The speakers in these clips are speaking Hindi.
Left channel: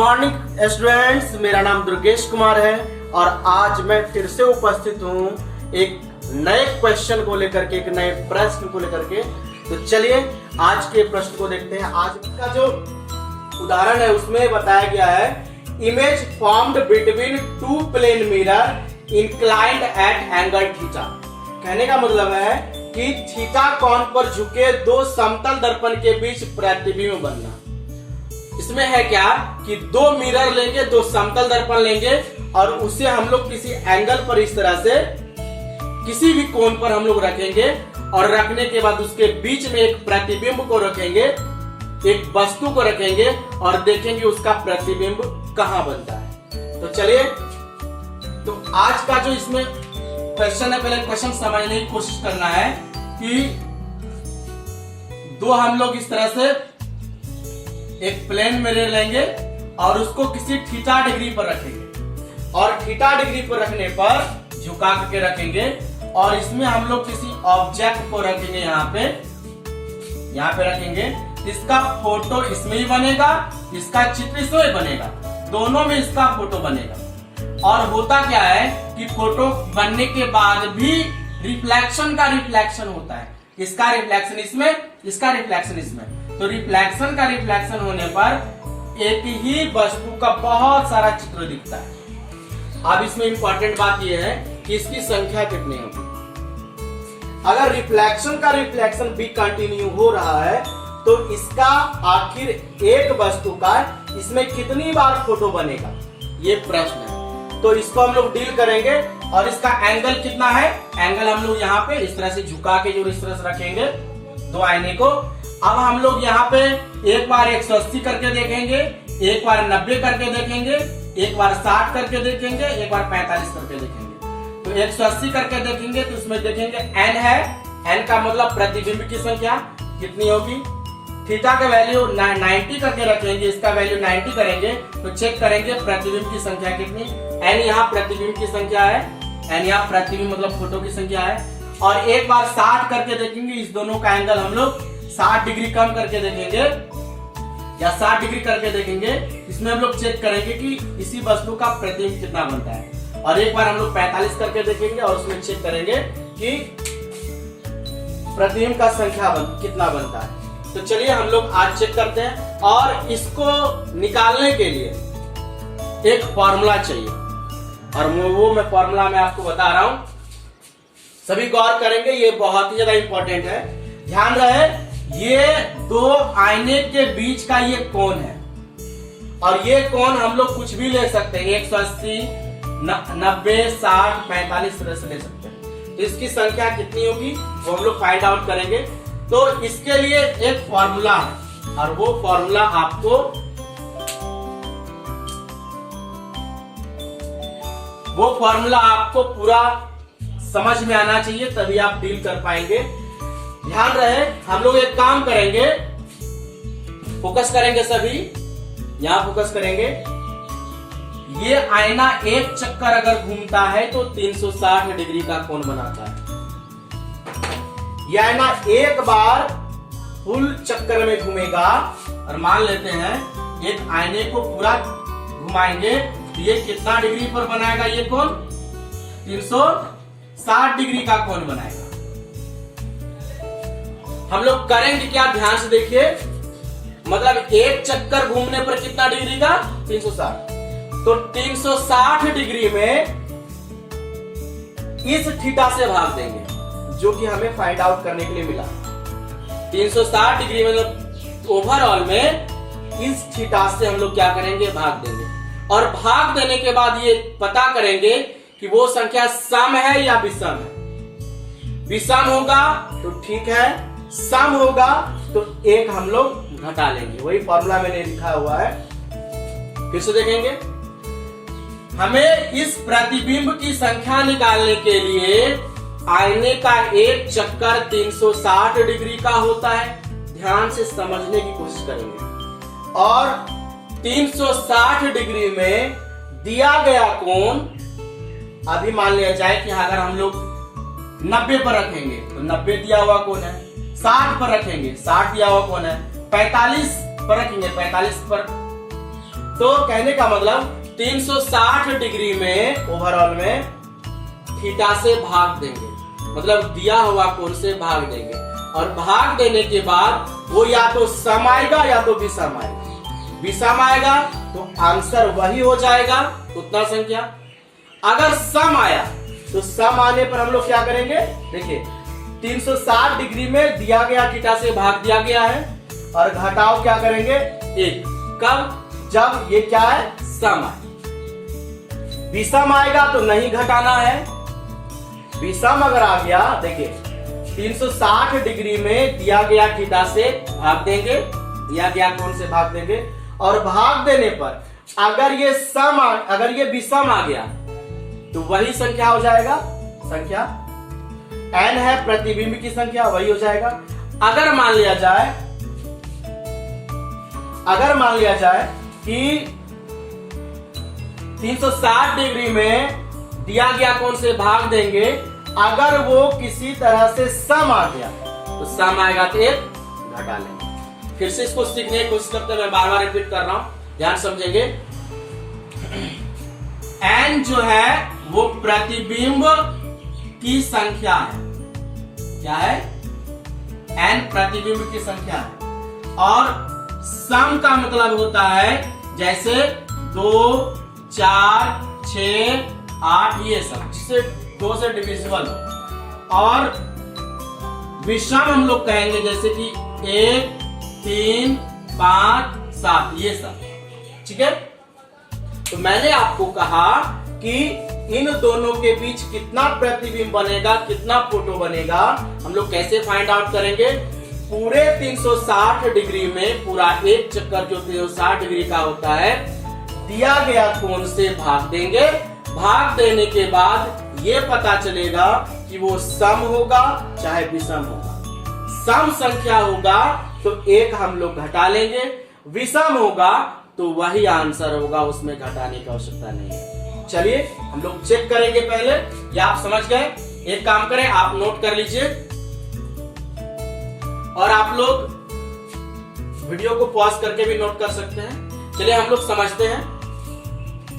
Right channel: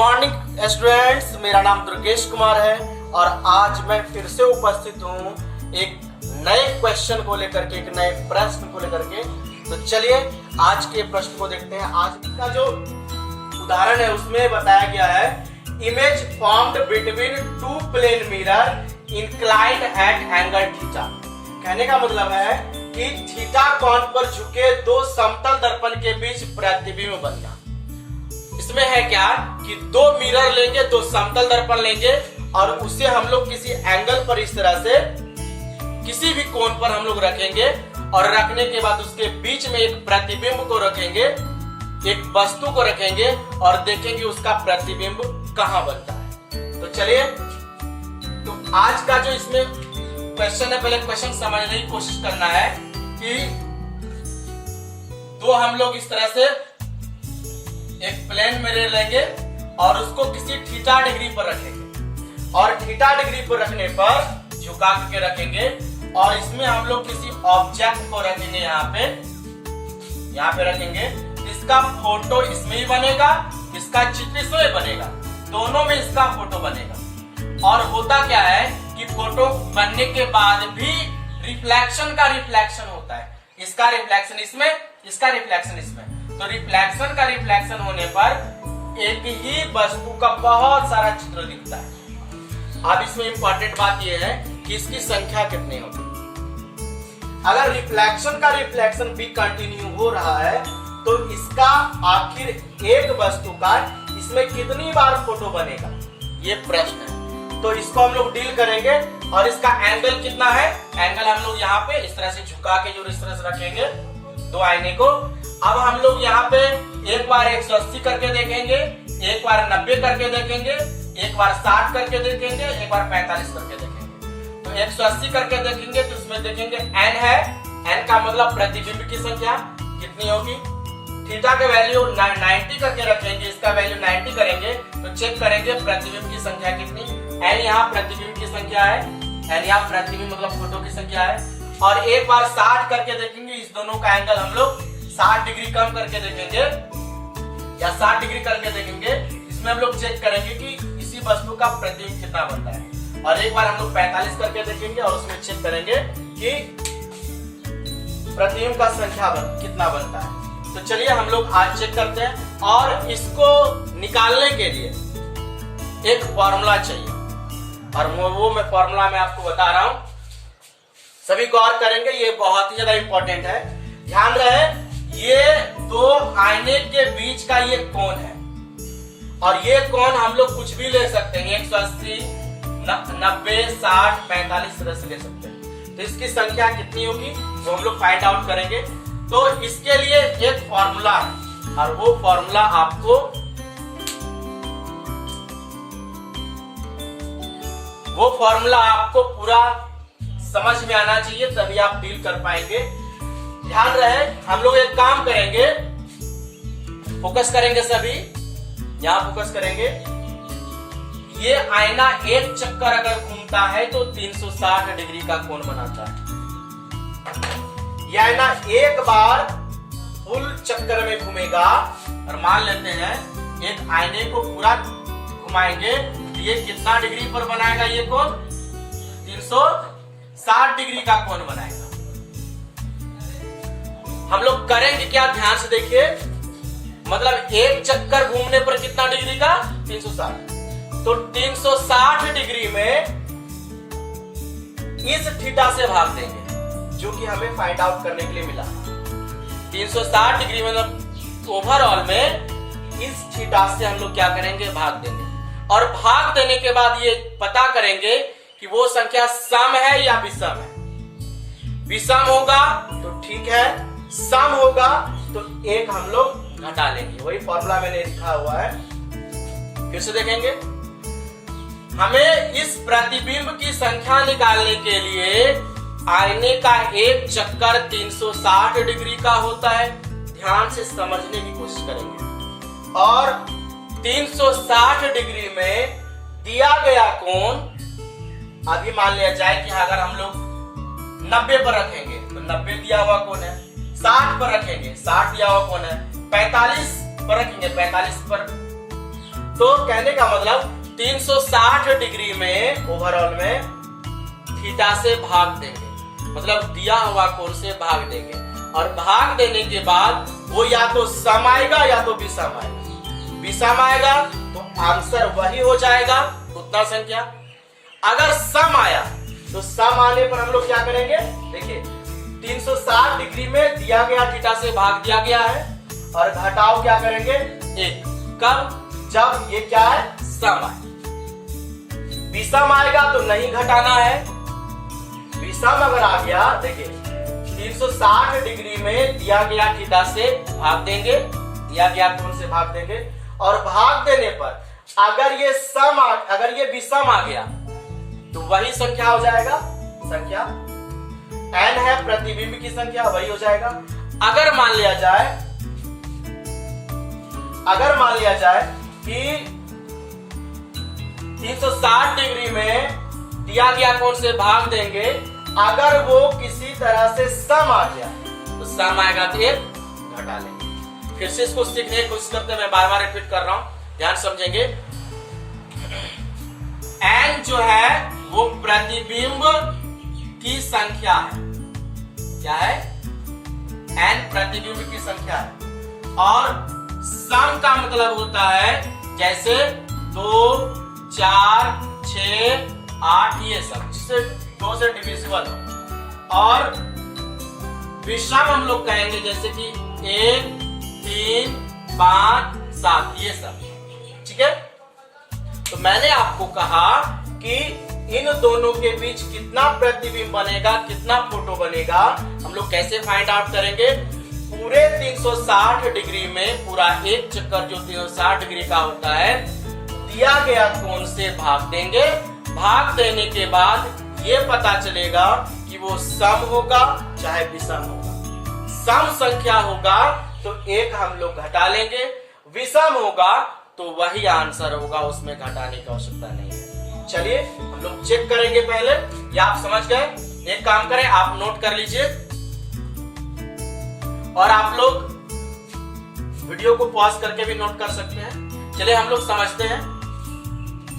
मॉर्निंग स्टूडेंट्स, मेरा नाम दुर्गेश कुमार है और आज मैं फिर से उपस्थित हूँ एक नए क्वेश्चन को लेकर के, एक नए प्रश्न को लेकर के। तो चलिए आज के प्रश्न को देखते हैं। आज का जो उदाहरण है उसमें बताया गया है, image formed between two plane mirror inclined at angle theta. कहने का मतलब है कि थीटा कोण पर झुके दो समतल दर्पण के बीच प्रतिबिंब बनना। इसमें है क्या कि दो मिरर लेंगे, दो समतल दर्पण लेंगे और उसे हम लोग किसी एंगल पर इस तरह से किसी भी कोण पर हम लोग रखेंगे और रखने के बाद उसके बीच में एक प्रतिबिंब को रखेंगे, एक वस्तु को रखेंगे और देखेंगे उसका प्रतिबिंब कहां बनता है। तो चलिए, तो आज का जो इसमें क्वेश्चन है, पहले क्वेश्चन समझने की कोशिश करना है कि दो हम लोग इस तरह से एक प्लेन मिरर लेंगे और उसको किसी थीटा डिग्री पर रखेंगे और थीटा डिग्री पर रखने पर झुका के रखेंगे और इसमें हम लोग किसी ऑब्जेक्ट को रखेंगे, यहाँ पे रखेंगे। इसका फोटो इसमें ही बनेगा, इसका चित्र इसमें बनेगा, दोनों में इसका फोटो बनेगा। और होता क्या है कि फोटो बनने के बाद भी रिफ्लेक्शन का रिफ्लेक्शन होता है, इसका रिफ्लेक्शन इसमें, इसका रिफ्लेक्शन इसमें। तो रिफ्लेक्शन का रिफ्लेक्शन होने पर एक ही वस्तु का बहुत सारा चित्र दिखता है। अब इसमें इंपॉर्टेंट बात यह है कि इसकी संख्या कितनी होगी। अगर रिफ्लेक्शन का रिफ्लेक्शन भी कंटिन्यू हो रहा है तो इसका आखिर एक वस्तु का इसमें कितनी बार फोटो बनेगा, ये प्रश्न है। तो इसको हम लोग डील करेंगे और इसका एंगल कितना है। एंगल हम लोग यहाँ पे इस तरह से झुका के जो इस तरह से रखेंगे दो आईने को। अब हम लोग यहाँ पे एक बार 180 करके देखेंगे, एक बार 90 करके देखेंगे, एक बार 60 करके देखेंगे, एक बार 45 करके देखेंगे। तो 180 करके देखेंगे तो इसमें देखेंगे n है, n का मतलब प्रतिबिंब की संख्या कितनी होगी। थीटा का वैल्यू 90 करके रखेंगे, इसका वैल्यू 90 करेंगे तो चेक करेंगे प्रतिबिंब की संख्या कितनी। n यहाँ प्रतिबिंब की संख्या है, n यहाँ प्रतिबिंब मतलब फोटो की संख्या है। और एक बार 60 करके देखेंगे, इस दोनों का एंगल हम लोग 60 डिग्री कम करके देखेंगे या 60 डिग्री करके देखेंगे। इसमें हम लोग चेक करेंगे कि इसी वस्तु का प्रतिबिंब कितना बनता है। और एक बार हम लोग 45 करके देखेंगे और उसमें चेक करेंगे कि प्रतिबिंब का संख्या कितना बनता है। तो चलिए हम लोग आज चेक करते हैं। और इसको निकालने के लिए एक फॉर्मूला चाहिए और वो मैं फॉर्मूला में आपको बता रहा हूं, सभी गौर करेंगे, ये बहुत ही ज्यादा इंपॉर्टेंट है। ध्यान रहे, ये दो आईने के बीच का ये कोण है और ये कोण हम लोग कुछ भी ले सकते हैं, 180, 90, 60, 45 तरह से ले सकते हैं। तो इसकी संख्या कितनी होगी वो हम लोग फाइंड आउट करेंगे। तो इसके लिए एक फॉर्मूला है और वो फॉर्मूला आपको पूरा समझ में आना चाहिए, तभी आप डील कर पाएंगे। ध्यान रहे, हम लोग एक काम करेंगे, फोकस करेंगे, सभी यहां फोकस करेंगे। ये आईना एक चक्कर अगर घूमता है तो 360 डिग्री का कोण बनाता है। यह आईना एक बार फुल चक्कर में घूमेगा और मान लेते हैं एक आईने को पूरा घुमाएंगे, ये कितना डिग्री पर बनाएगा, ये कोण 360 डिग्री का कोण बनाएगा। हम लोग करेंगे क्या, ध्यान से देखिए, मतलब एक चक्कर घूमने पर कितना डिग्री का, 360। तो 360 डिग्री में इस थीटा से भाग देंगे जो कि हमें फाइंड आउट करने के लिए मिला। 360 डिग्री मतलब ओवरऑल में इस थीटा से हम लोग क्या करेंगे, भाग देंगे। और भाग देने के बाद ये पता करेंगे कि वो संख्या सम है या विषम है। विषम होगा तो ठीक है, सम होगा तो एक हम लोग घटा लेंगे। वही फॉर्मूला मैंने लिखा हुआ है, फिर से देखेंगे। हमें इस प्रतिबिंब की संख्या निकालने के लिए आईने का एक चक्कर 360 डिग्री का होता है। ध्यान से समझने की कोशिश करेंगे। और 360 डिग्री में दिया गया कोण, अभी मान लिया जाए कि अगर हम लोग 90 पर रखेंगे तो 90 दिया हुआ कोण है, 60 पर रखेंगे 60 दिया हुआ कोण है, 45 पर रखेंगे 45 पर तो कहने का मतलब 360 डिग्री में ओवरऑल में थीटा से भाग देंगे, मतलब दिया हुआ कोण से भाग देंगे, और भाग देने के बाद वो या तो सम आएगा या तो विषम आएगा। विषम आएगा तो आंसर वही हो जाएगा, उतना संख्या। अगर सम आया तो सम आने पर हम लोग क्या करेंगे, देखिए 360 डिग्री में दिया गया थीटा से भाग दिया गया है, और घटाओ क्या करेंगे 1। कब? जब ये क्या है, सम आए। विषम आएगा तो नहीं घटाना है। विषम अगर आ गया, देखिए 360 डिग्री में दिया गया थीटा से भाग देंगे, दिया गया कोण से भाग देंगे, और भाग देने पर अगर ये विषम आ गया तो वही संख्या हो जाएगा, संख्या n है प्रतिबिंब की संख्या, वही हो जाएगा। अगर मान लिया जाए कि 360 डिग्री में दिया गया कोण से भाग देंगे, अगर वो किसी तरह से सम आ गया तो सम आएगा तो 1 घटा लेंगे। फिर से इसको सीखने की कोशिश करते हैं, मैं बार बार रिपीट कर रहा हूं, ध्यान समझेंगे। n जो है वो प्रतिबिंब की संख्या है। क्या है? n प्रतिबिंब की संख्या है, और सम का मतलब होता है जैसे 2, 4, 6, 8 ये सब, जिससे 2 से डिविजिबल हो। और विषम हम लोग कहेंगे जैसे कि 1, 3, 5, 7 ये सब, ठीक है। तो मैंने आपको कहा कि इन दोनों के बीच कितना प्रतिबिंब बनेगा, कितना फोटो बनेगा, हम लोग कैसे फाइंड आउट करेंगे। पूरे 360 डिग्री में पूरा एक चक्कर जो 360 डिग्री का होता है, दिया गया कोण से भाग देंगे। भाग देने के बाद ये पता चलेगा कि वो सम होगा चाहे विषम होगा। सम संख्या होगा तो 1 हम लोग घटा लेंगे, विषम होगा तो वही आंसर होगा, उसमें घटाने की आवश्यकता नहीं है। चलिए हम लोग चेक करेंगे पहले, या आप समझ गए। एक काम करें, आप नोट कर लीजिए और आप लोग वीडियो को पॉज करके भी नोट कर सकते हैं। चलिए हम लोग समझते हैं,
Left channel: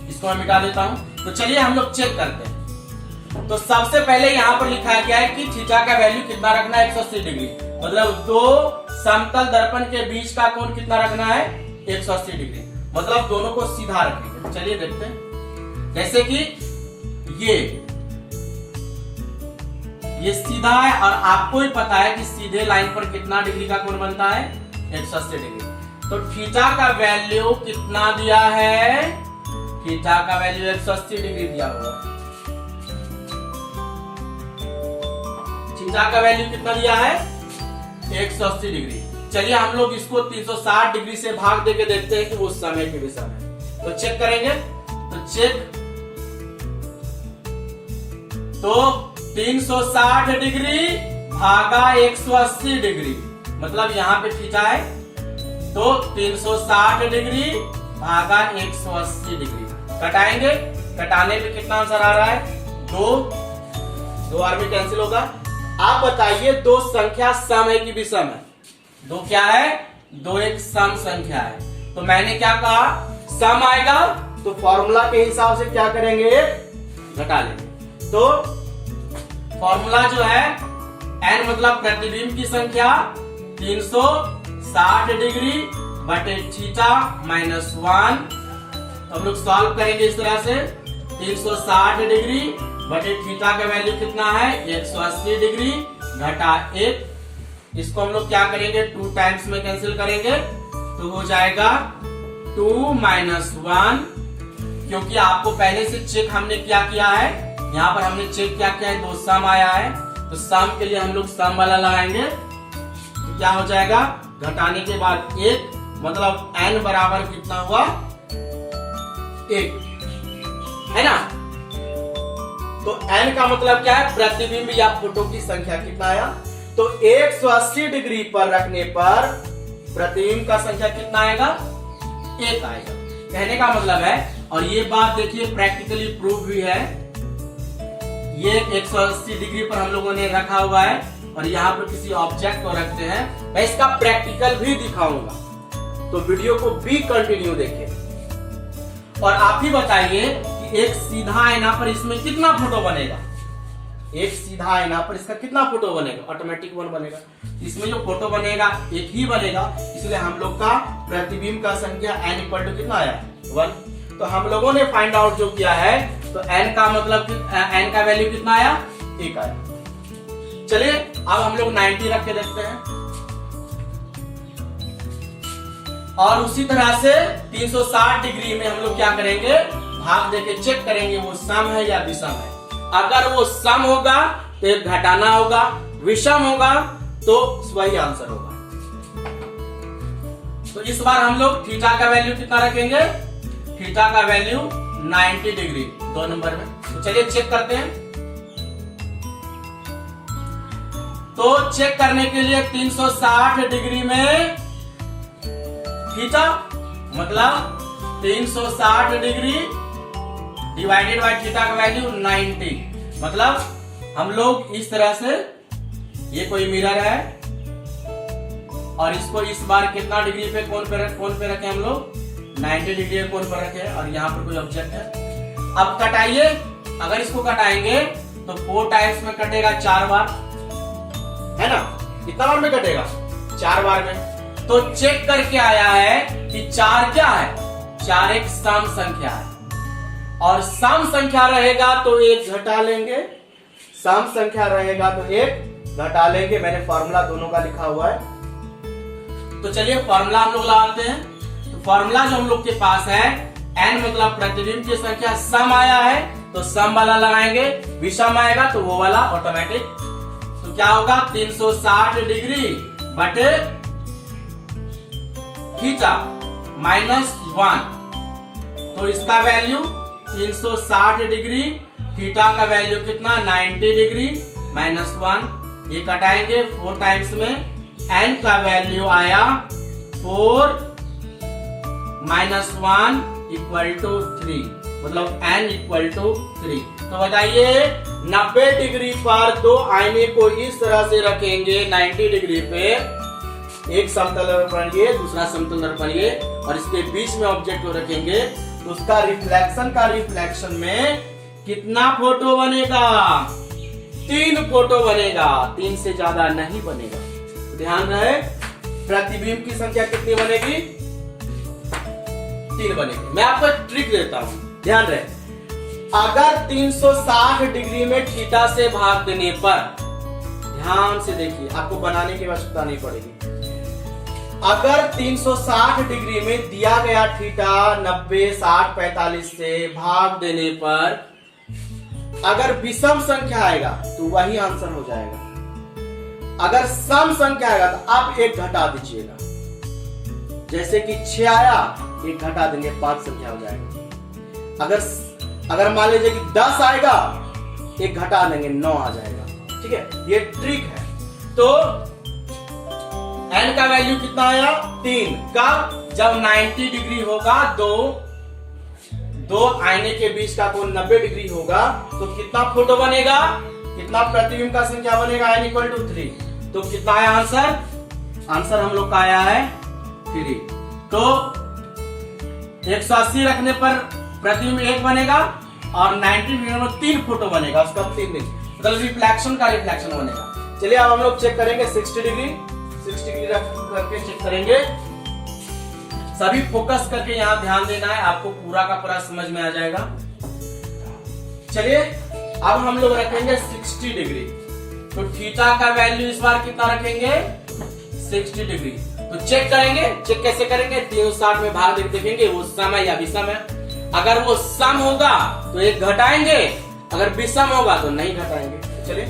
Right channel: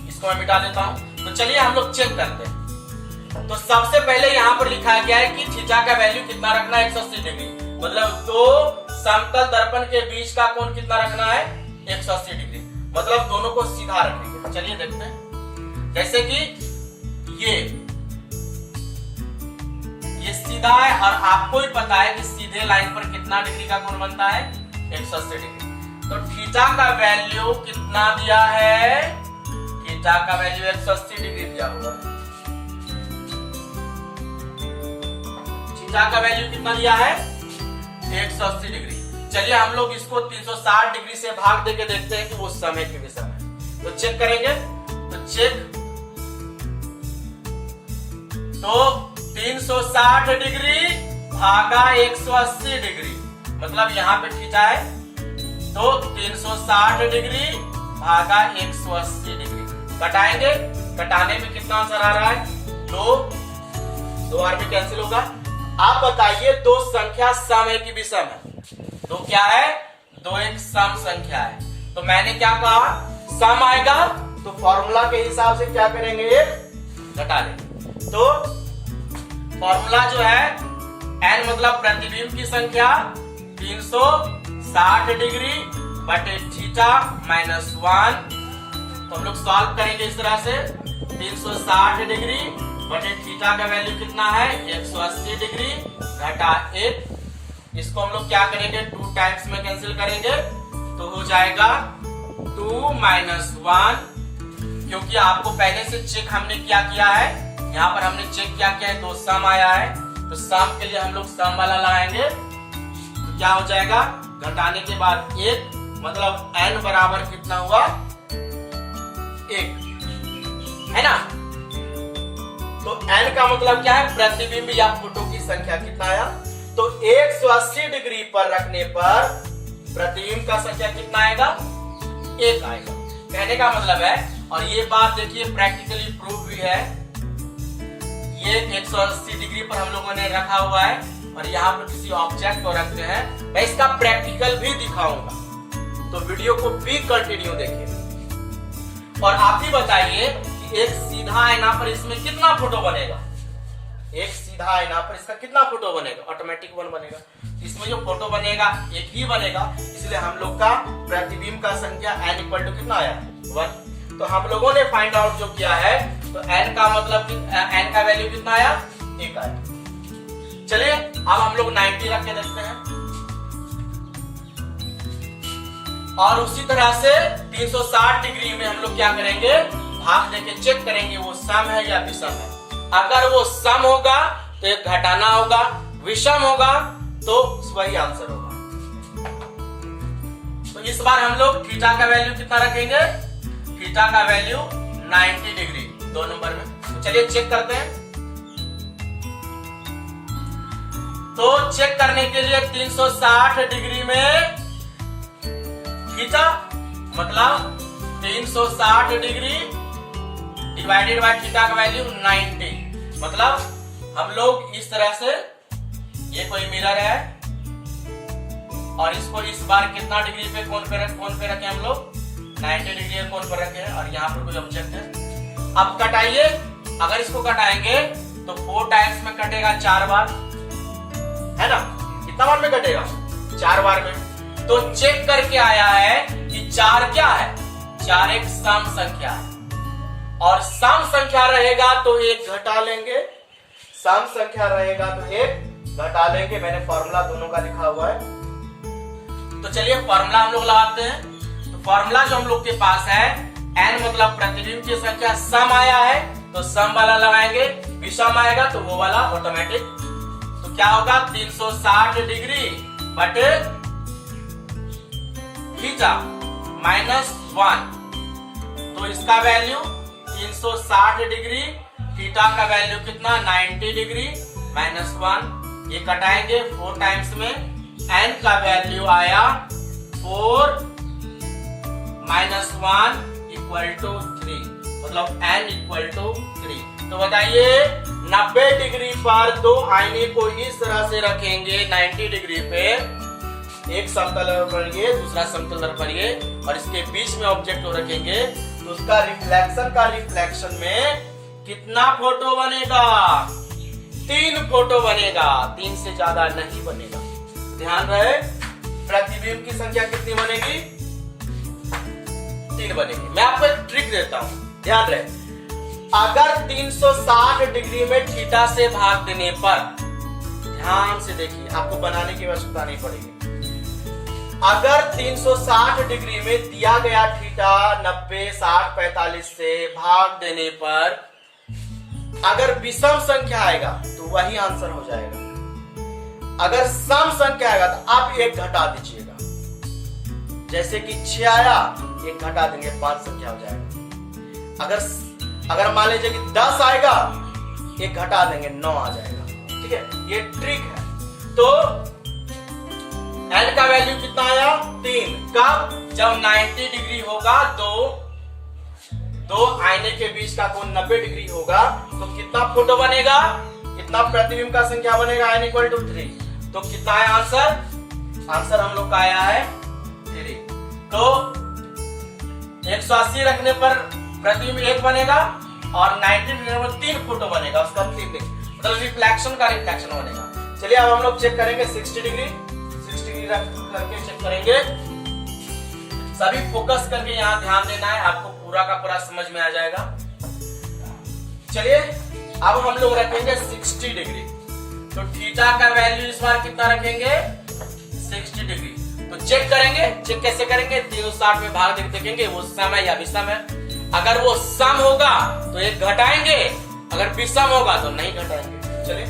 इसको मैं मिटा देता हूं। तो चलिए हम लोग चेक करते हैं। तो सबसे पहले यहाँ पर लिखा गया है कि थीटा का वैल्यू कितना रखना है, 180 डिग्री, मतलब 2 समतल दर्पण के बीच का कोण कितना रखना है, 180 डिग्री, मतलब दोनों को सीधा रखेंगे। चलिए देखते हैं, जैसे कि ये सीधा है, और आपको ही पता है कि सीधे लाइन पर कितना डिग्री का कोण बनता है, 180 डिग्री। तो थीटा का वैल्यू कितना दिया है, थीटा का वैल्यू 180 डिग्री दिया हुआ। थीटा का वैल्यू कितना दिया है, 180 डिग्री। चलिए हम लोग इसको 360 डिग्री से भाग देके देखते हैं कि वो सम है कि विषम है। तो चेक करेंगे, तो चेक, तो 360 डिग्री भागा 180 डिग्री, मतलब यहाँ पे थीटा है, तो 360 डिग्री भागा 180 डिग्री। कटाएंगे, कटाने में कितना आंसर आ रहा है, 2 आदमी कैंसिल होगा। आप बताइए 2 संख्या सम है कि विषम है? 2 क्या है, 2 एक सम संख्या है। तो मैंने क्या कहा, सम आएगा तो फॉर्मूला के हिसाब से क्या करेंगे, घटा लेंगे। तो फॉर्मूला जो है n मतलब प्रतिबिंब की संख्या 360 डिग्री बटे थीटा माइनस 1। तो हम लोग सॉल्व करेंगे इस तरह से, 360 डिग्री बटे थीटा का वैल्यू कितना है, 180 डिग्री घटा 1। इसको हम लोग क्या करेंगे, 2 टाइम्स में कैंसिल करेंगे, तो हो जाएगा 2 माइनस 1। क्योंकि आपको पहले से चेक हमने क्या किया है, यहाँ पर हमने चेक क्या किया है, 2 सम आया है, तो सम के लिए हम लोग सम वाला लगाएंगे। तो क्या हो जाएगा, घटाने के बाद 1, मतलब n बराबर कितना हुआ, 1 है ना। तो n का मतलब क्या है, प्रतिबिंब या फोटो की संख्या कितना आया। तो 180 डिग्री पर रखने पर प्रतिबिंब का संख्या कितना आएगा, 1 आएगा। कहने का मतलब है, और ये बात देखिए प्रैक्टिकली प्रूव भी है, ये 180 डिग्री पर हम लोगों ने रखा हुआ है, और यहाँ पर किसी ऑब्जेक्ट को रखते हैं। मैं इसका प्रैक्टिकल भी दिखाऊंगा, तो वीडियो को भी कंटिन्यू देखिए। और आप ही बताइए कि एक सीधा आईना पर इसमें कितना फोटो बनेगा। एक सीधा आईना पर इसका कितना फोटो बनेगा, ऑटोमेटिक 1 बनेगा। इसमें जो फोटो बनेगा एक ही बनेगा, इसलिए हम लोग का प्रतिबिंब का संख्या n इक्वल टू कितना आया, 1। तो हम लोगों ने फाइंड आउट जो किया है, तो n का मतलब n का वैल्यू कितना आया, 1 आया। चलिए अब हम लोग 90 रख के देखते हैं, और उसी तरह से 360 डिग्री में हम लोग क्या करेंगे, भाग देके चेक करेंगे वो सम है या विषम है। अगर वो सम होगा तो एक घटाना होगा, विषम होगा तो वही आंसर होगा। तो इस बार हम लोग थीटा का वैल्यू कितना रखेंगे, थीटा का वैल्यू 90 डिग्री 2 नंबर में। तो चलिए चेक करते हैं। तो चेक करने के लिए 360 डिग्री में थीटा मतलब 360 डिग्री डिवाइडेड बाय थीटा का वैल्यू 90, मतलब हम लोग इस तरह से, ये कोई मिरर है और इसको इस बार कितना डिग्री पे कोण पे रखे हम लोग, 90 डिग्री कोण पर रखे हैं, और यहाँ पर कोई ऑब्जेक्ट है। अब कटाइए, अगर इसको कटाएंगे तो 4 टाइम्स में कटेगा 4 बार, है ना, कितना बार में कटेगा, 4 बार में। तो चेक करके आया है कि 4 क्या है, 4 एक सम संख्या है, और सम संख्या रहेगा तो एक घटा लेंगे, सम संख्या रहेगा तो एक घटा लेंगे। मैंने फॉर्मूला दोनों का लिखा हुआ है, तो चलिए फॉर्मूला हम लोग लगाते हैं। तो फॉर्मूला जो हम लोग के पास है, n मतलब प्रतिबिंब की संख्या, सम आया है तो सम वाला लगाएंगे, विषम आएगा तो वो वाला ऑटोमेटिक। तो क्या होगा, 360 डिग्री बटे थीटा माइनस 1, तो इसका वैल्यू 360 डिग्री, थीटा का वैल्यू कितना, 90 डिग्री माइनस 1। ये कटाएंगे 4 टाइम्स में, n का वैल्यू आया 4 माइनस 1 इक्वल टू 3, मतलब n इक्वल टू 3। तो बताइए 90 डिग्री पर 2 आईने को इस तरह से रखेंगे 90 डिग्री पे, एक समतल पर ये, दूसरा समतल पर ये, और इसके बीच में ऑब्जेक्ट को रखेंगे, तो उसका रिफ्लेक्शन में कितना फोटो बनेगा, 3 फोटो बनेगा, 3 से ज्यादा नहीं बनेगा। तो ध्यान रहे, प्रतिबिंब की संख्या कितनी बनेगी, 3 बनेगी। मैं आपको एक ट्रिक देता हूं, ध्यान रहे, अगर 360 डिग्री में थीटा से भाग देने पर, ध्यान से देखिए, आपको बनाने की आवश्यकता नहीं पड़ेगी। अगर 360 डिग्री में दिया गया थीटा 90, 60, 45 से भाग देने पर अगर विषम संख्या आएगा तो वही आंसर हो जाएगा। अगर सम संख्या आएगा तो आप 1 घटा दीजिएगा, जैसे कि 6 आया, 1 घटा देंगे, 5 संख्या हो जाएगा। अगर मान लीजिए कि 10 आएगा, 1 घटा देंगे, 9 आ जाएगा। ठीक है, ये ट्रिक है। तो n का वैल्यू कितना आया, 3। कब, जब 90 डिग्री होगा, दो आईने के बीच का कोण 90 डिग्री होगा, तो कितना फोटो बनेगा, कितना प्रतिबिंब का संख्या बनेगा, n इक्वल टू 3। तो कितना है आंसर, आंसर हम लोग का आया है 3। तो 180 रखने पर प्रतिबिंब 1 बनेगा, और 90 डिग्री में 3 फोटो बनेगा, उसका 3 नहीं, मतलब रिफ्लेक्शन का रिफ्लेक्शन बनेगा। चलिए अब हम लोग चेक करेंगे 60 डिग्री रख करके चेक करेंगे। सभी फोकस करके यहाँ ध्यान देना है, आपको पूरा का पूरा समझ में आ जाएगा। चलिए अब हम लोग रखेंगे 60 डिग्री, तो थीटा का वैल्यू इस बार कितना रखेंगे, 60 डिग्री। तो चेक करेंगे, चेक कैसे करेंगे, 360 में भाग देख देखेंगे वो सम है या विषम है। अगर वो सम होगा तो 1 घटाएंगे, अगर विषम होगा तो नहीं घटाएंगे। चलिए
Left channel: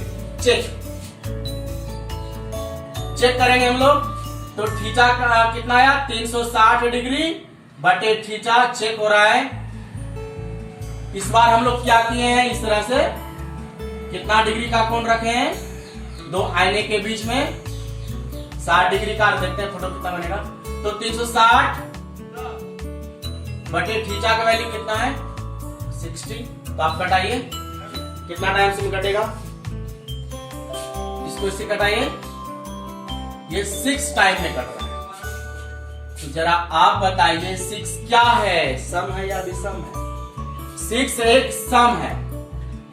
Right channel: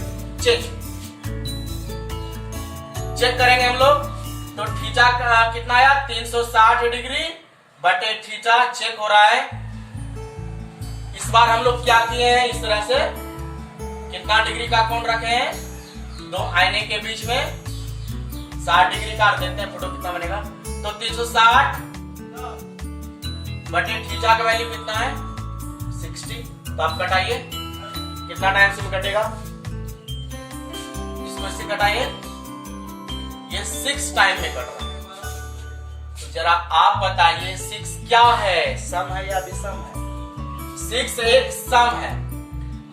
चेक करेंगे हम लोग। तो थीटा का कितना आया, 360 डिग्री बटे थीटा, चेक हो रहा है। इस बार हम लोग क्या किए हैं, इस तरह से कितना डिग्री का कोण रखे हैं, 2 आईने के बीच में 60 डिग्री का, देखते हैं फोटो कितना बनेगा। तो 360 बटे थीटा का वैल्यू कितना है, 60। तो आप कटाइए, कितना टाइम से कटेगा, इसको इससे कटाइए, ये 6 टाइम में कट रहा है। तो जरा आप बताइए 6 क्या है, सम है या विषम है? 6 एक सम है।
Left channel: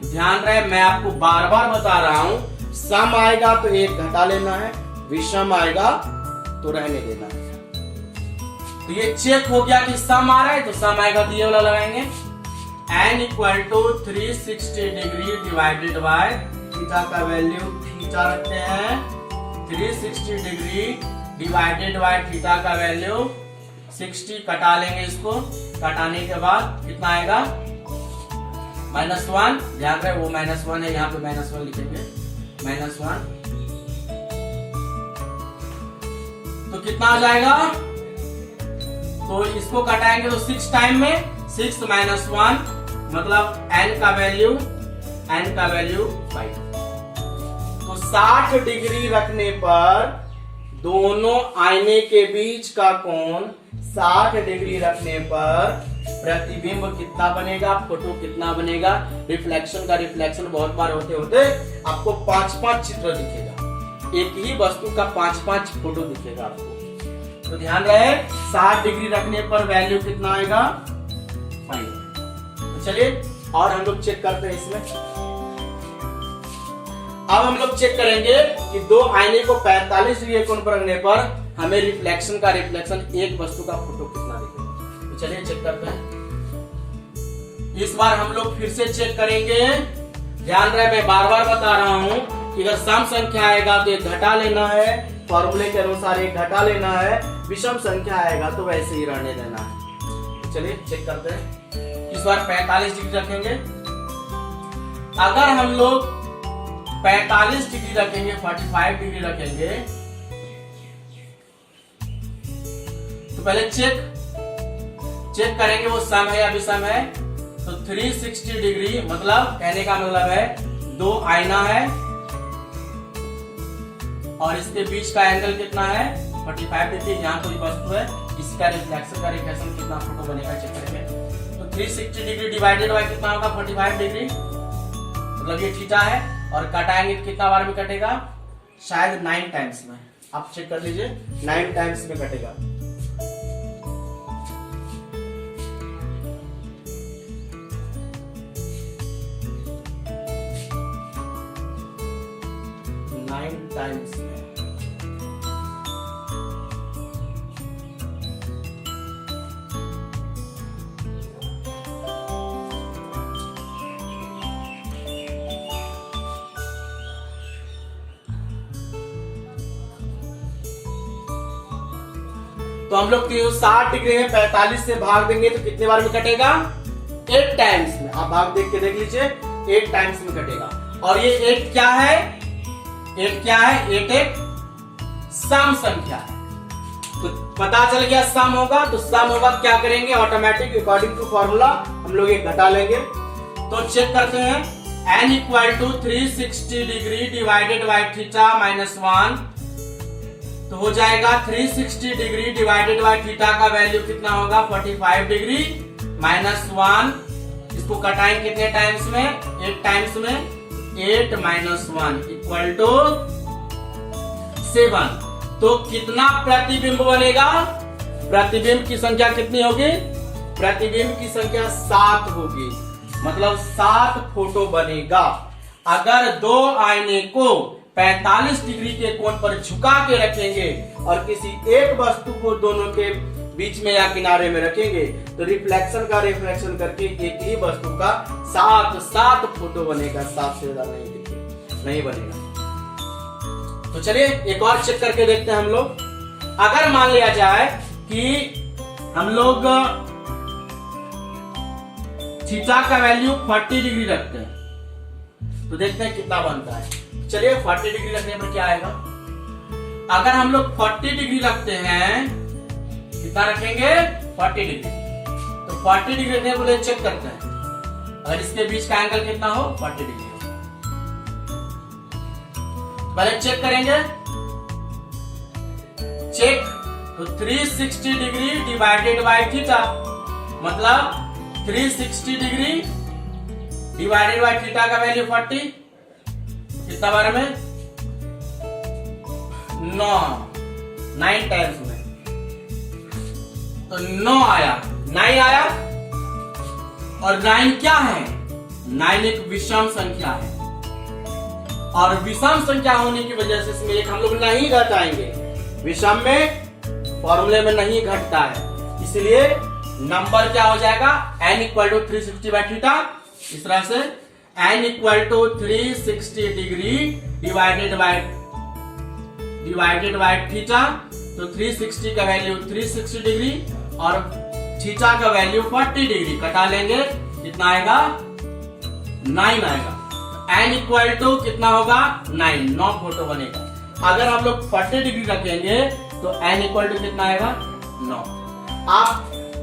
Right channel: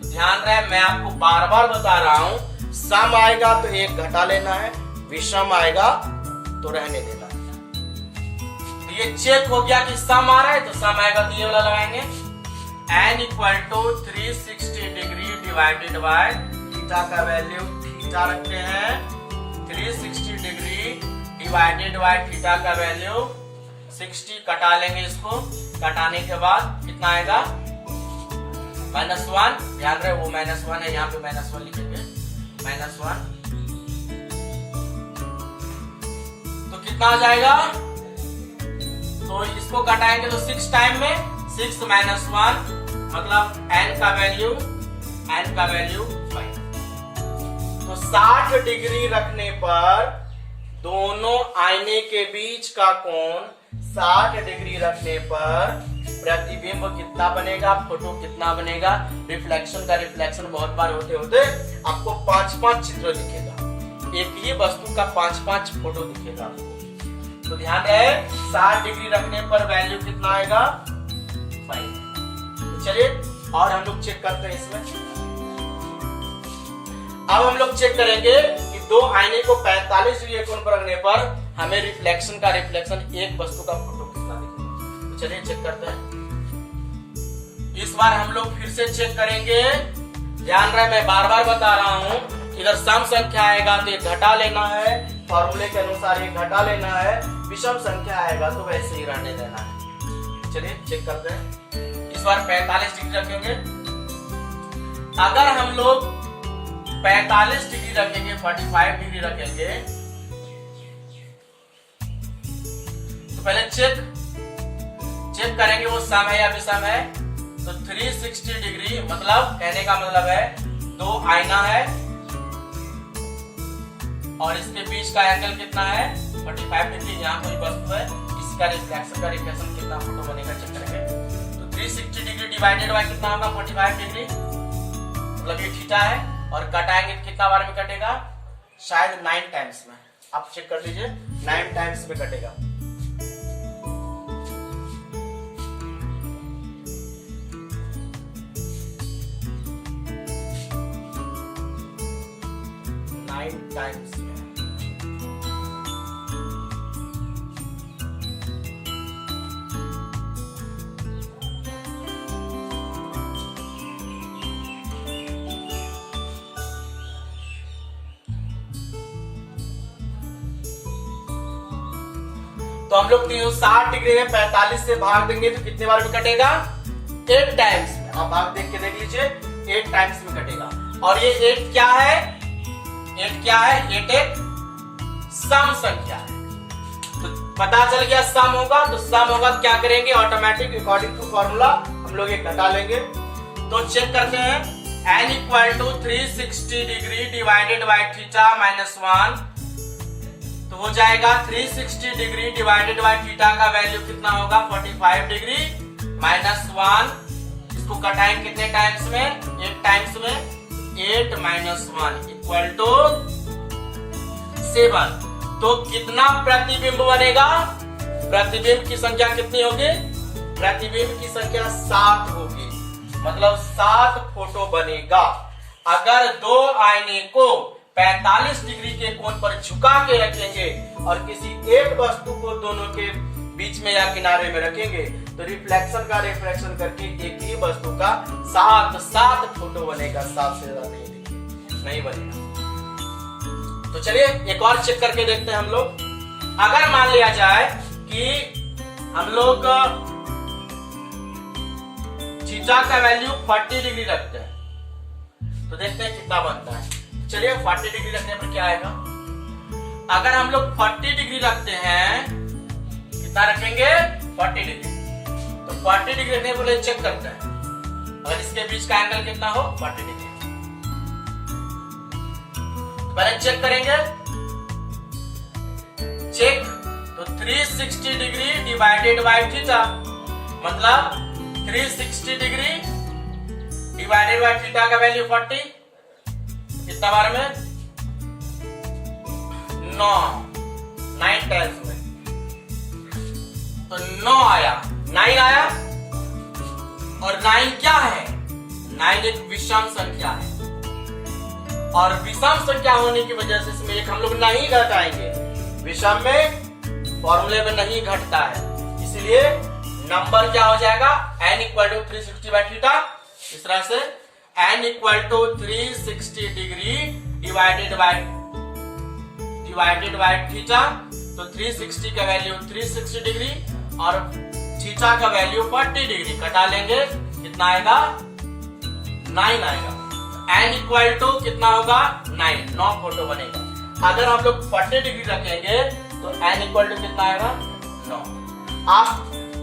ध्यान रहे, मैं आपको बार बार बता रहा हूं, सम आएगा तो एक घटा लेना है, विषम आएगा तो रहने देना है। तो ये चेक हो गया कि सम आ रहा है, तो सम आएगा तो ये वाला लगाएंगे, n equal to 360 degree divided by theta का वैल्यू थीटा रखते हैं, 360 डिग्री डिवाइडेड बाय थीटा का वैल्यू 60, कटा लेंगे इसको, कटाने के बाद कितना आएगा -1। ध्यान रहे वो -1 है, यहाँ पे -1 लिखेंगे, -1 तो कितना आ जाएगा, तो इसको कटाएंगे तो 6 टाइम में 6 - 1 मतलब n का वैल्यू 5। तो 60 डिग्री रखने पर दोनों आईने के बीच का कोण 60 डिग्री रखने पर प्रतिबिंब कितना बनेगा, फोटो कितना बनेगा। रिफ्लेक्शन का रिफ्लेक्शन बहुत बार होते होते आपको 5-5 चित्र दिखेगा, एक ही वस्तु का 5-5 फोटो दिखेगा आपको। तो ध्यान रहे 60 डिग्री रखने पर वैल्यू कितना आएगा 5। तो चलिए और हम लोग चेक करते हैं इसमें। अब हम लोग चेक करेंगे कि दो आईने को 45 डिग्री कोण पर रखने पर हमें रिफ्लेक्शन का रिफ्लेक्शन एक वस्तु का फोटो कितना दिखेगा। तो चलिए चेक करते हैं। इस बार हम लोग फिर से चेक करेंगे। ध्यान रहे मैं बार बार बता रहा हूं कि अगर सम संख्या आएगा तो ये घटा लेना है, फॉर्मूले के अनुसार ये घटा लेना है, विषम संख्या आएगा तो वैसे ही रहने देना है। चलिए चेक करते हैं। इस बार 45 डिग्री रखेंगे। अगर हम लोग 45 डिग्री रखेंगे, 45 डिग्री रखेंगे तो पहले चेक करेंगे वो सम है या विषम है। तो 360 डिग्री मतलब कहने का मतलब है दो आईना है और इसके बीच का एंगल कितना है 45 डिग्री। यहाँ कोई वस्तु है, इसका रिफ्लेक्शन कितना फोटो बनेगा चेक करेंगे। तो 360 डिग्री डिवाइडेड बाय कितना होगा 45 डिग्री, मतलब ये थीटा है, और कटाएंगे कितना बार में कटेगा, शायद 9 टाइम्स में। आप चेक कर लीजिए 9 टाइम्स में कटेगा। टाइम्स में। तो हम लोग 360 डिग्री में 45 से भाग देंगे तो कितने बार में कटेगा 8 टाइम्स में। आप भाग देख के देख लीजिए 8 टाइम्स में कटेगा। और ये 8 क्या है, 8 क्या है, 8 एक सम संख्या है। तो पता चल गया सम होगा, तो सम होगा क्या करेंगे ऑटोमेटिक अकॉर्डिंग टू फॉर्मूला हम लोग एक घटा लेंगे। तो चेक करते हैं n equal to 360 degree divided by theta -1 तो हो जाएगा 360 डिग्री डिवाइडेड बाय थीटा का वैल्यू कितना होगा 45 डिग्री -1। इसको कटाएंगे कितने टाइम्स में, 8 टाइम्स में, 8 - 1 इक्वल टू 7। तो कितना प्रतिबिंब बनेगा, प्रतिबिंब की संख्या कितनी होगी, प्रतिबिंब की संख्या 7 होगी, मतलब 7 फोटो बनेगा। अगर दो आईने को 45 डिग्री के कोण पर झुका के रखेंगे और किसी एक वस्तु को दोनों के बीच में या किनारे में रखेंगे तो रिफ्लेक्शन का रिफ्लेक्शन करके एक ही वस्तु का 7 फोटो बनेगा, 7 से ज्यादा नहीं बनेगा। तो चलिए एक और चेक करके देखते हैं हम लोग। अगर मान लिया जाए कि हम लोग थीटा का वैल्यू 40 डिग्री रखते हैं तो देखते हैं कितना बनता है। चलिए 40 डिग्री रखने पर क्या आएगा। अगर हम लोग 40 डिग्री रखते हैं, कितना रखेंगे 40 डिग्री, तो 40 डिग्री रखने पर चेक करते हैं अगर इसके बीच का एंगल कितना हो 40 डिग्री। पहले चेक करेंगे, चेक तो 360 डिग्री डिवाइडेड बाय थीटा मतलब 360 डिग्री डिवाइडेड बाय थीटा का वैल्यू 40 कितना बार में 9 टाइम्स में। तो 9 आया, 9 आया। और 9 क्या है? 9 एक विषम संख्या है, और विषम संख्या होने की वजह से इसमें एक हम लोग नहीं घटाएंगे। विषम में फॉर्मूले में नहीं घटता है, इसलिए नंबर क्या हो जाएगा? n equal to 360 by theta. इस तरह से n equal to 360 degree divided by theta. तो 360 का वैल्यू 360 डिग्री और थीटा का वैल्यू 40 डिग्री। कटा लेंगे, कितना आएगा? 9 आएगा। n इक्वल टू कितना होगा? 9 फोटो बनेगा। अगर हम लोग 40 डिग्री रखेंगे तो n इक्वल टू कितना आएगा? 9। आप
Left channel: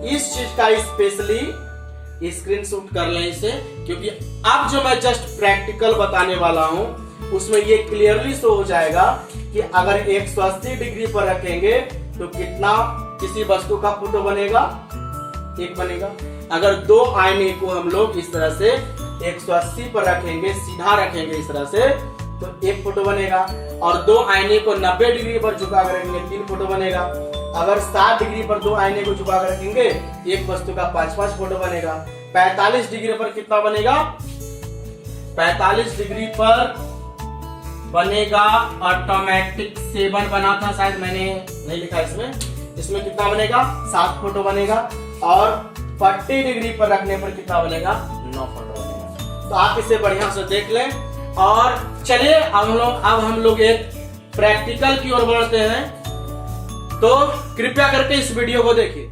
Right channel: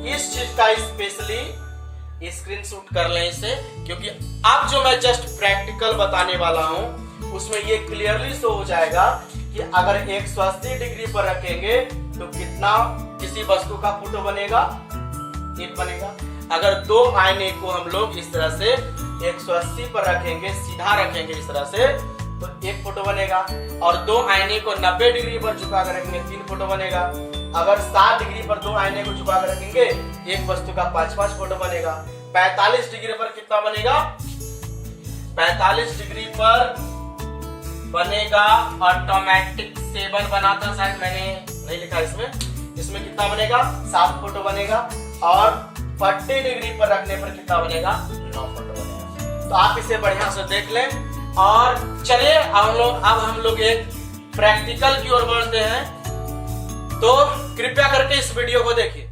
इस चीज का स्पेशली स्क्रीनशॉट कर लें इसे, क्योंकि अब जो मैं जस्ट प्रैक्टिकल बताने वाला हूं उसमें ये क्लियरली शो हो जाएगा कि अगर 180 डिग्री पर रखेंगे तो कितना किसी वस्तु का फोटो बनेगा? 1 बनेगा। अगर 2 आईने को हम लोग इस तरह से 180 पर रखेंगे, सीधा रखेंगे इस तरह से, तो 1 फोटो बनेगा। और 2 आईने को 90 डिग्री पर झुका कर रखेंगे, 3 फोटो बनेगा। अगर 60 डिग्री पर 2 आईने को झुका कर रखेंगे, एक वस्तु का 5-5 फोटो बनेगा। 45 डिग्री पर कितना बनेगा? 45 डिग्री पर बनेगा ऑटोमेटिक 7 बना था, शायद मैंने नहीं लिखा इसमें कितना बनेगा? 7 फोटो बनेगा। और 40 डिग्री पर रखने पर कितना बनेगा? 9 फोटो बनेगा। तो आप इसे बढ़िया से देख लें। और चलिए अब हम लोग एक प्रैक्टिकल की ओर बढ़ते हैं, तो कृपया करके इस वीडियो को देखिए।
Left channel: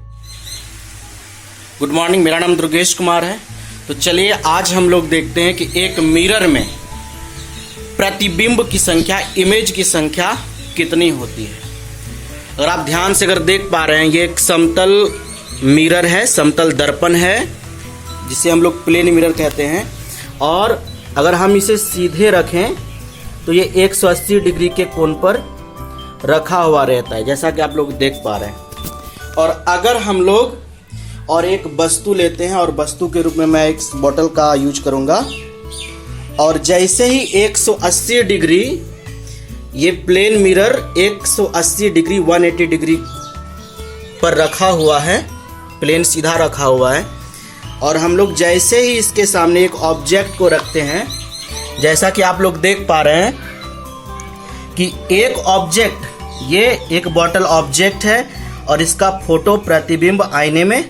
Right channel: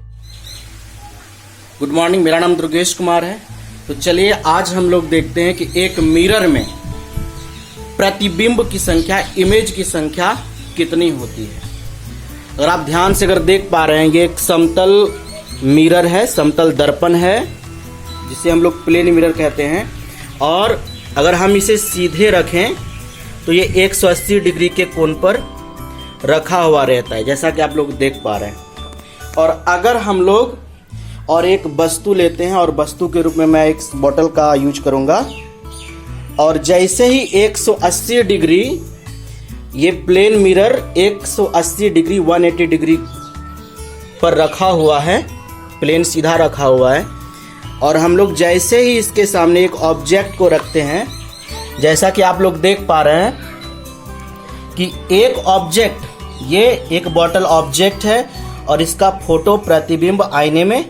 गुड मॉर्निंग, मेरा नाम दुर्गेश कुमार है। तो चलिए आज हम लोग देखते हैं कि एक मिरर में प्रतिबिंब की संख्या, इमेज की संख्या कितनी होती है। अगर आप ध्यान से देख पा रहे हैं, ये एक समतल मिरर है, समतल दर्पण है, जिसे हम लोग प्लेन मिरर कहते हैं। और अगर हम इसे सीधे रखें तो ये 180 डिग्री के कोण पर रखा हुआ रहता है, जैसा कि आप लोग देख पा रहे हैं। और अगर हम लोग और एक वस्तु लेते हैं, और वस्तु के रूप में मैं एक बोतल का यूज करूंगा, और जैसे ही 180 डिग्री, ये प्लेन मिरर 180 डिग्री 180 डिग्री पर रखा हुआ है, प्लेन सीधा रखा हुआ है। और हम लोग जैसे ही इसके सामने एक ऑब्जेक्ट को रखते हैं, जैसा कि आप लोग देख पा रहे हैं कि एक ऑब्जेक्ट, ये एक बॉटल ऑब्जेक्ट है और इसका फोटो प्रतिबिंब आईने में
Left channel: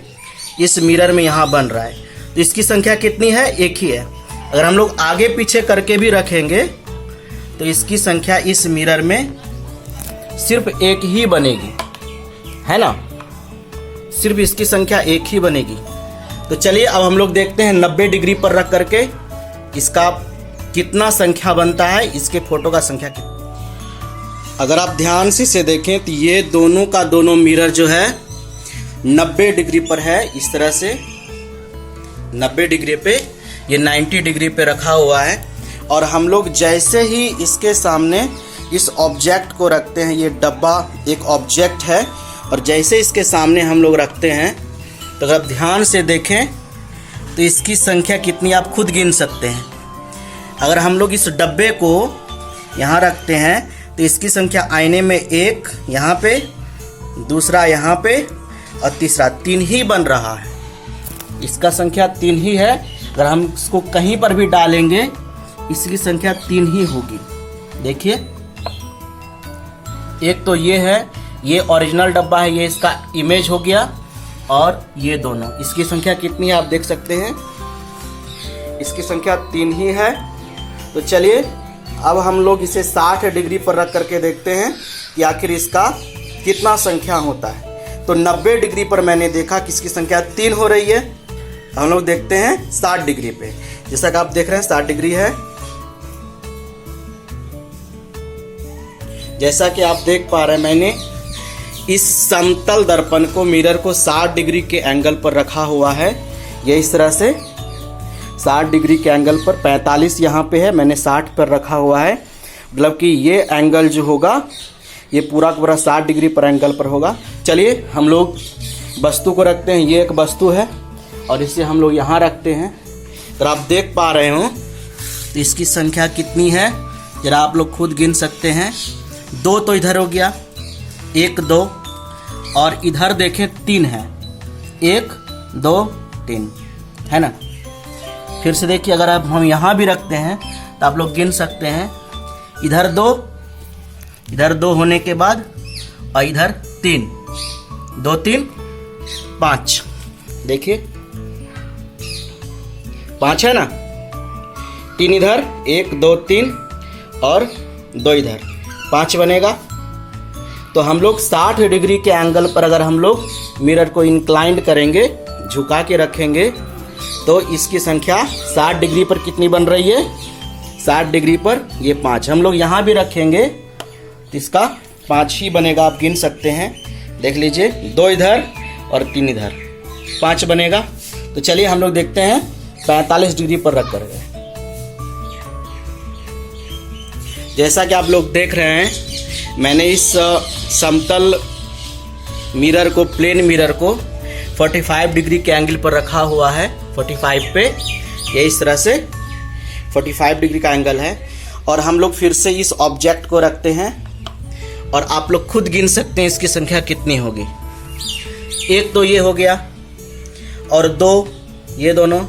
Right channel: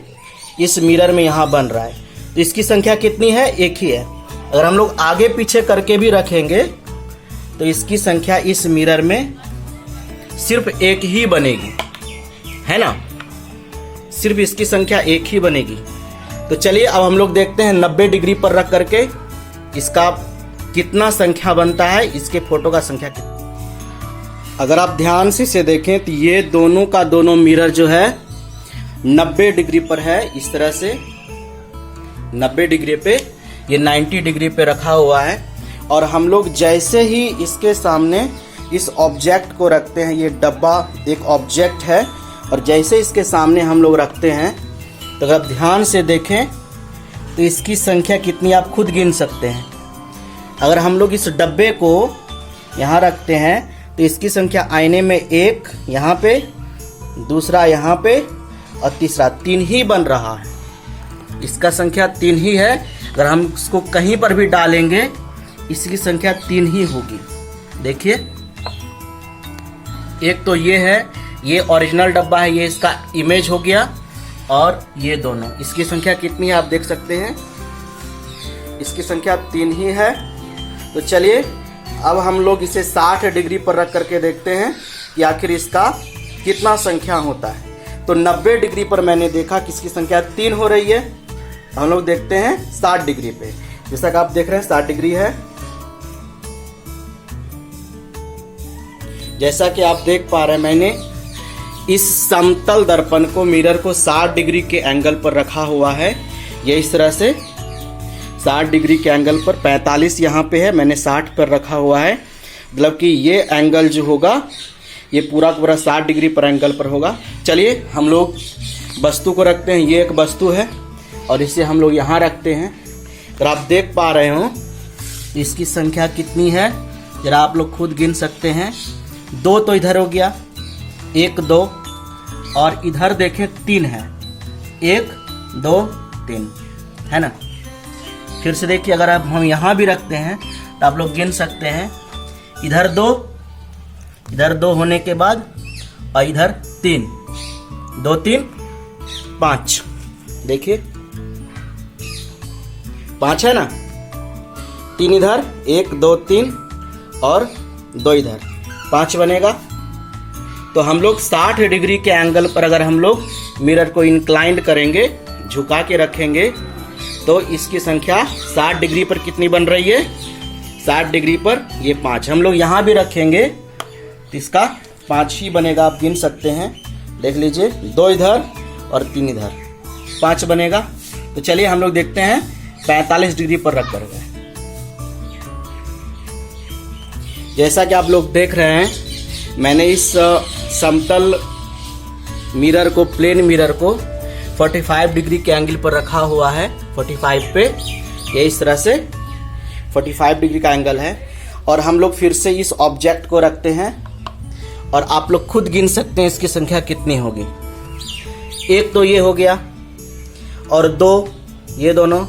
इस मिरर में यहाँ बन रहा है। तो इसकी संख्या कितनी है? 1 ही है। अगर हम लोग आगे पीछे करके भी रखेंगे तो इसकी संख्या इस मिरर में सिर्फ 1 ही बनेगी, है ना? सिर्फ इसकी संख्या 1 ही बनेगी। तो चलिए अब हम लोग देखते हैं 90 डिग्री पर रख करके इसका कितना संख्या बनता है, इसके फोटो का संख्या कितना। अगर आप ध्यान से इसे देखें तो ये दोनों का दोनों मिरर जो है 90 डिग्री पर है। इस तरह से 90 डिग्री पे, ये 90 डिग्री पे रखा हुआ है। और हम लोग जैसे ही इसके सामने इस ऑब्जेक्ट को रखते हैं, ये डब्बा एक ऑब्जेक्ट है, और जैसे इसके सामने हम लोग रखते हैं तो अगर आप ध्यान से देखें तो इसकी संख्या कितनी आप खुद गिन सकते हैं। अगर हम लोग इस डब्बे को यहाँ रखते हैं तो इसकी संख्या आईने में 1 यहाँ पे, दूसरा यहाँ पे, और तीसरा 3 ही बन रहा है। इसका संख्या 3 ही है। अगर हम इसको कहीं पर भी डालेंगे इसकी संख्या 3 ही होगी। देखिए, एक तो ये है, ये ओरिजिनल डब्बा है, ये इसका इमेज हो गया, और ये दोनों, इसकी संख्या कितनी है आप देख सकते हैं, इसकी संख्या 3 ही है। तो चलिए अब हम लोग इसे 60 डिग्री पर रख करके देखते हैं कि आखिर इसका कितना संख्या होता है। तो 90 डिग्री पर मैंने देखा कि इसकी संख्या 3 हो रही है। हम लोग देखते हैं 60 डिग्री पे, जैसा कि आप देख रहे हैं 60 डिग्री है। जैसा कि आप देख पा रहे हैं, मैंने इस समतल दर्पण को, मिरर को 60 डिग्री के एंगल पर रखा हुआ है। ये इस तरह से 60 डिग्री के एंगल पर, 45 यहाँ पे है, मैंने 60 पर रखा हुआ है। मतलब कि ये एंगल जो होगा ये पूरा का पूरा 60 डिग्री पर एंगल पर होगा। चलिए हम लोग वस्तु को रखते हैं। ये एक वस्तु है और इसे हम लोग यहाँ रखते हैं। अगर आप देख पा रहे हो तो इसकी संख्या कितनी है जरा आप लोग खुद गिन सकते हैं। 2 तो इधर हो गया, 1 2, और इधर देखें 3 है। 1 2 3, है ना। फिर से देखिए, अगर आप हम यहाँ भी रखते हैं तो आप लोग गिन सकते हैं, इधर 2 होने के बाद और इधर 3, 2 3 5, देखिए 5 है ना, 3 इधर, 1 2 3 और 2 इधर, 5 बनेगा। तो हम लोग 60 डिग्री के एंगल पर अगर हम लोग मिरर को इंक्लाइंड करेंगे, झुका के रखेंगे, तो इसकी संख्या 60 डिग्री पर कितनी बन रही है, 60 डिग्री पर ये 5। हम लोग यहाँ भी रखेंगे तो इसका 5 ही बनेगा, आप गिन सकते हैं, देख लीजिए 2 इधर और 3 इधर, 5 बनेगा। तो चलिए हम लोग देखते हैं 45 डिग्री पर रख कर। जैसा कि आप लोग देख रहे हैं, मैंने इस समतल मिरर को, प्लेन मिरर को 45 डिग्री के एंगल पर रखा हुआ है। 45 पे ये इस तरह से 45 डिग्री का एंगल है। और हम लोग फिर से इस ऑब्जेक्ट को रखते हैं और आप लोग खुद गिन सकते हैं इसकी संख्या कितनी होगी। 1 तो ये हो गया और 2 ये दोनों,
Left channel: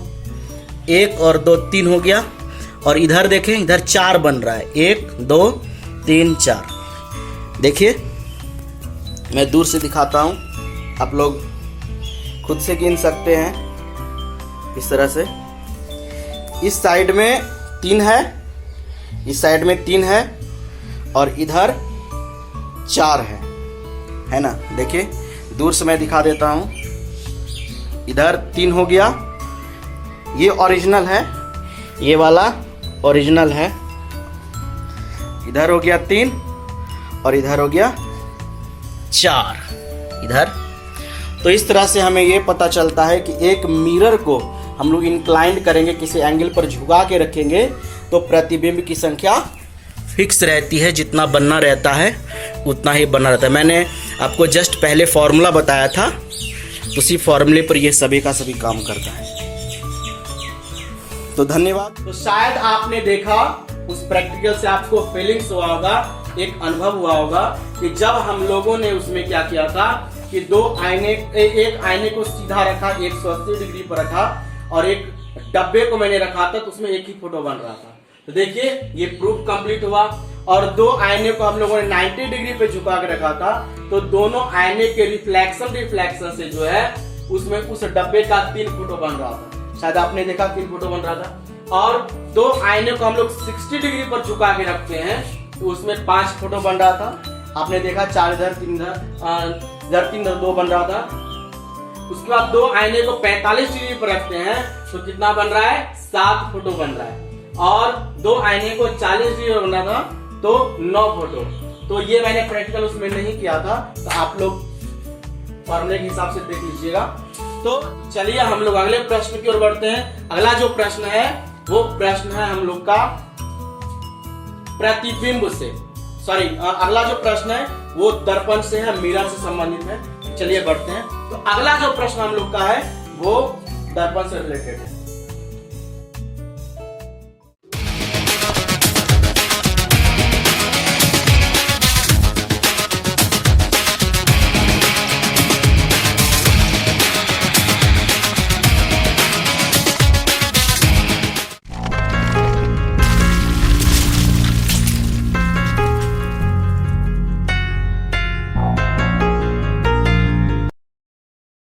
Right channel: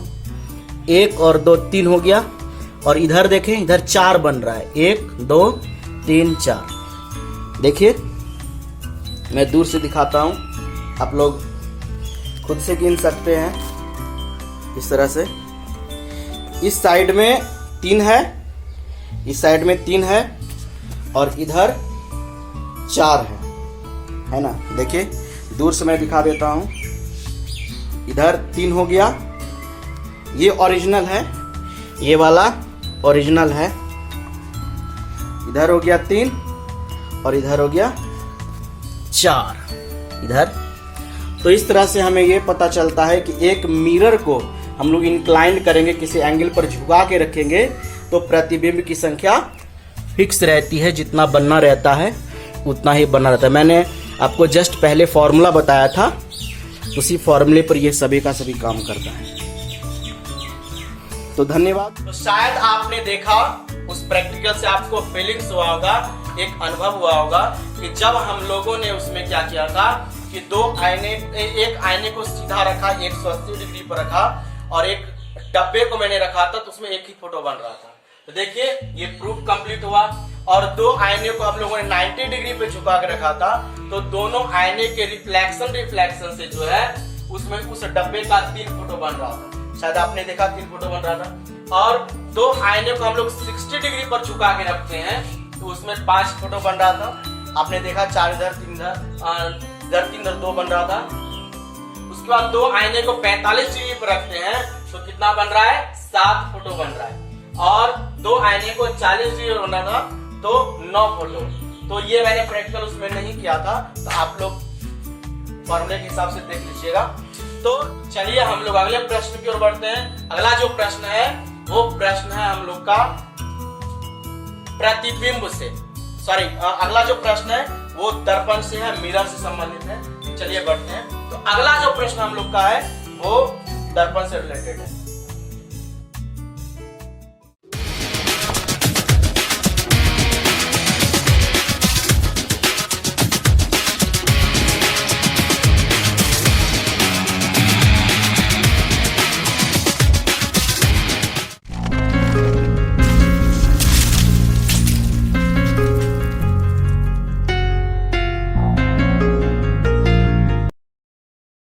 1 और 2 3 हो गया, और इधर देखें, इधर 4 बन रहा है, 1 2 3 4। देखिए मैं दूर से दिखाता हूं, आप लोग खुद से गिन सकते हैं इस तरह से। इस साइड में 3 है, इस साइड में 3 है और इधर 4 है ना। देखिए दूर से मैं दिखा देता हूं, इधर 3 हो गया, ये ओरिजिनल है, ये वाला ओरिजिनल है, इधर हो गया 3 और इधर हो गया 4 इधर। तो इस तरह से हमें ये पता चलता है कि एक मिरर को हम लोग इंक्लाइंड करेंगे, किसी एंगल पर झुका के रखेंगे, तो प्रतिबिंब की संख्या फिक्स रहती है, जितना बनना रहता है उतना ही बना रहता है। मैंने आपको जस्ट पहले फॉर्मूला बताया था, उसी फॉर्मूले पर ये सभी का सभी काम करता है। तो धन्यवाद। तो शायद आपने देखा, उस प्रैक्टिकल से आपको फीलिंग्स हुआ होगा, एक अनुभव हुआ होगा कि जब हम लोगों ने उसमें क्या किया था कि एक आईने को सीधा रखा, 180 डिग्री पर रखा, और एक डब्बे को मैंने रखा था, तो उसमें एक ही फोटो बन रहा था। तो देखिए ये प्रूफ कंप्लीट हुआ। और 2 आईने को हम लोगों ने 90 डिग्री पे झुका के रखा था, तो दोनों आईने के रिफ्लेक्शन से जो है उसमें उस डब्बे का 3 फोटो बन रहा था। शायद आपने देखा 3 फोटो बन रहा था। और 2 आईने को हम लोग 60 डिग्री पर झुका के रखते हैं, तो उसमें 5 फोटो बन रहा था। आपने देखा 4 इधर 3 इधर 3 इधर 2 बन रहा था। उसके बाद 2 आईने को 45 डिग्री पर रखते हैं, तो कितना बन रहा है, 7 फोटो बन रहा है। और 2 आईने को 40 डिग्री पर बना था, तो 9 फोटो। तो ये मैंने प्रैक्टिकल उसमें नहीं किया था, तो आप लोग फॉर्मूले के हिसाब से देख लीजिएगा। तो चलिए हम लोग अगले प्रश्न की ओर बढ़ते हैं। अगला जो प्रश्न है वो प्रश्न है हम लोग का प्रतिबिंब से, अगला जो प्रश्न है वो दर्पण से है, मिरर से संबंधित है। चलिए बढ़ते हैं। तो अगला जो प्रश्न हम लोग का है वो दर्पण से रिलेटेड है।